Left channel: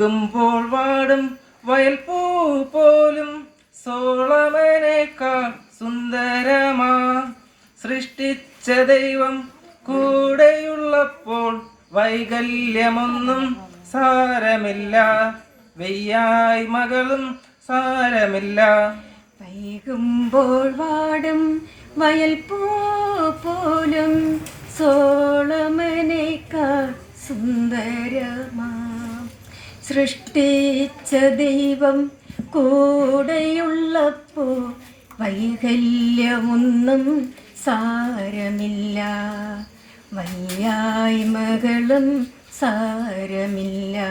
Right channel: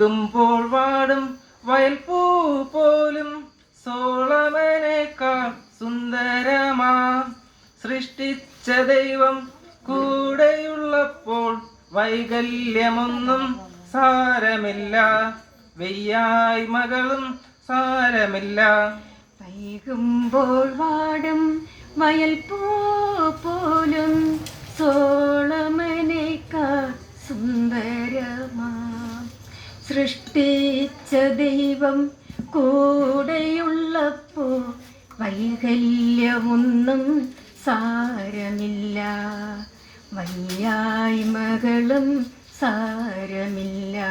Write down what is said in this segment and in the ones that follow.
ുമ്പോൾ വാടും വയൽപ്പൂ പോലും സോളമനേക്കാൾ സുന്ദരമാ. സൃഷ്ടിച്ച ദൈവം കൂടെയുള്ളപ്പോൾ വൈകല്യമൊന്നും സാരമില്ല. വെയ്യായ്മകളും സാരമില്ല. വൈകുമ്പോൾ വാടും വയൽപ്പൂ പോലും സോളമനേക്കാൾ സുന്ദരമാ. സൃഷ്ടിച്ച ദൈവം കൂടെയുള്ളപ്പോൾ വൈകല്യമൊന്നും സാരമില്ല. വയ്യായ്മകളും സാരമില്ല.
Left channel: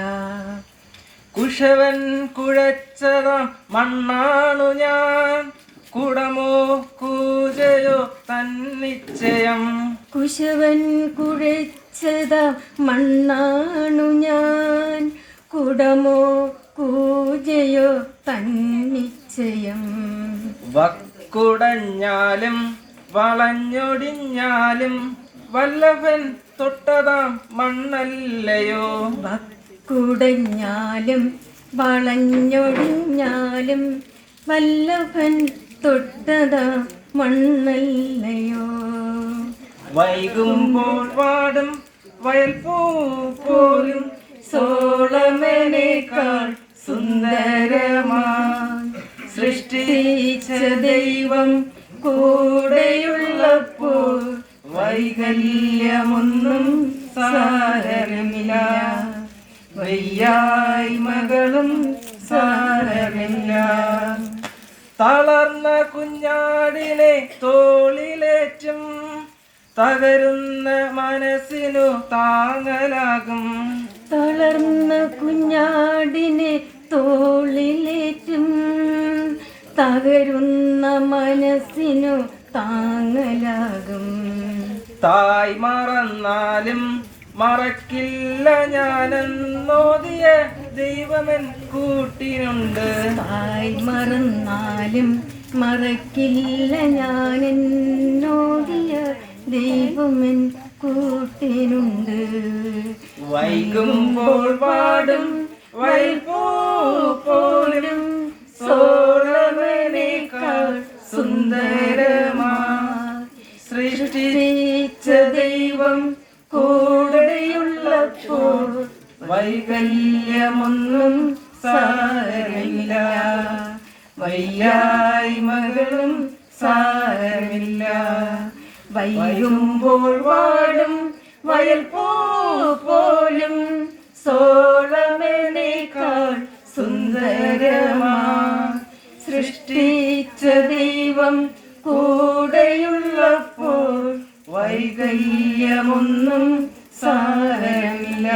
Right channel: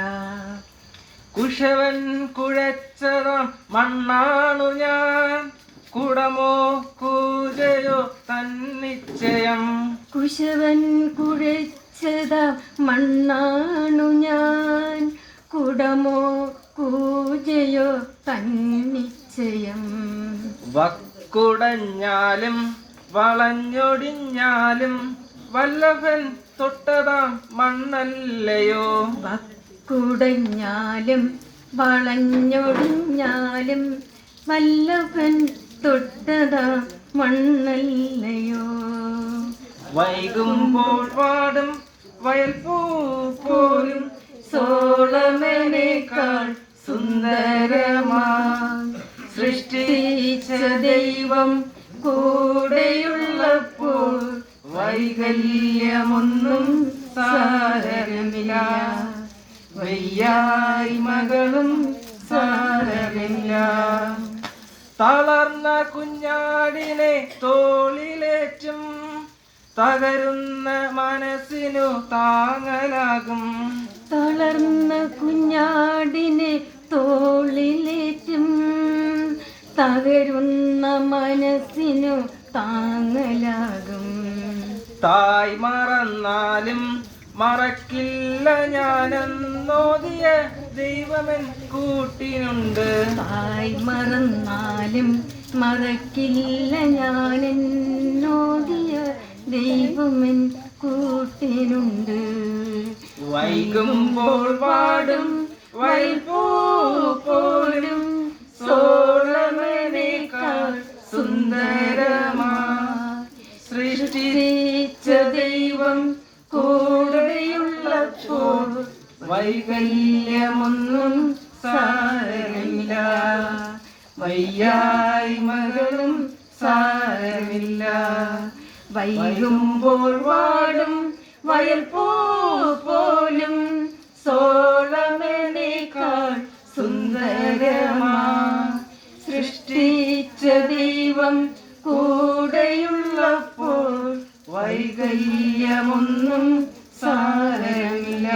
കുശവൻ കുഴച്ചതാം മണ്ണാണു ഞാൻ, കുടമോ കൂജയോ തന്നിശ്ചയം. കുശവൻ കുഴച്ചതാം മണ്ണാണു ഞാൻ, കുടമോ കൂജയോ തന്നിശ്ചയം. വക്കുടഞ്ഞാലും വളഞ്ഞൊടിഞ്ഞാലും വല്ലഭൻ തൊട്ടതാം മണ്ണല്ലയോ. വക്കുടഞ്ഞാലും വളഞ്ഞൊടിഞ്ഞാലും വല്ലഭൻ തൊട്ടതാം മണ്ണല്ലയോ. വൈകുമ്പോൾ വാടും വയൽപ്പൂ പോലും സോളമനേക്കാൾ സുന്ദരമാ. സൃഷ്ടിച്ച ദൈവം കൂടെയുള്ളപ്പോൾ വൈകല്യമൊന്നും സാരമില്ല. വയ്യായ്മകളും സാരമില്ല. തളർന്ന കുഞ്ഞാടിനെ തോളിലേറ്റും തകരുന്ന മനസ്സിനു താങ്ങലാകും. തളർന്ന കുഞ്ഞാടിനെ തോളിലേറ്റും തകരുന്ന മനസ്സിനു താങ്ങലാകും. തായ് മറന്നാലും മറക്കില്ല ഞാനെന്നോദിയ ദൈവമൻ കൂട്ടിനുണ്ട്. തായ് മറന്നാലും മറക്കില്ല ഞാനെന്നോദിയ ദൈവമൻ കൂട്ടിനുണ്ട്. വൈകുമ്പോൾ വാടും വയൽപ്പൂ പോലും സോളമനേക്കാൾ സുന്ദരമാ. സൃഷ്ടിച്ച ദൈവം കൂടെയുള്ളപ്പോൾ വൈകല്യമൊന്നും സാരമില്ല. വയ്യായ്മകളും സാരമില്ല. വൈകുമ്പോൾ വാടും വയൽപ്പൂ പോലും സോളമനേക്കാൾ സുന്ദരമാ. സൃഷ്ടിച്ച ദൈവം കൂടെയുള്ളപ്പോൾ വൈകല്യമൊന്നും സാരമില്ല.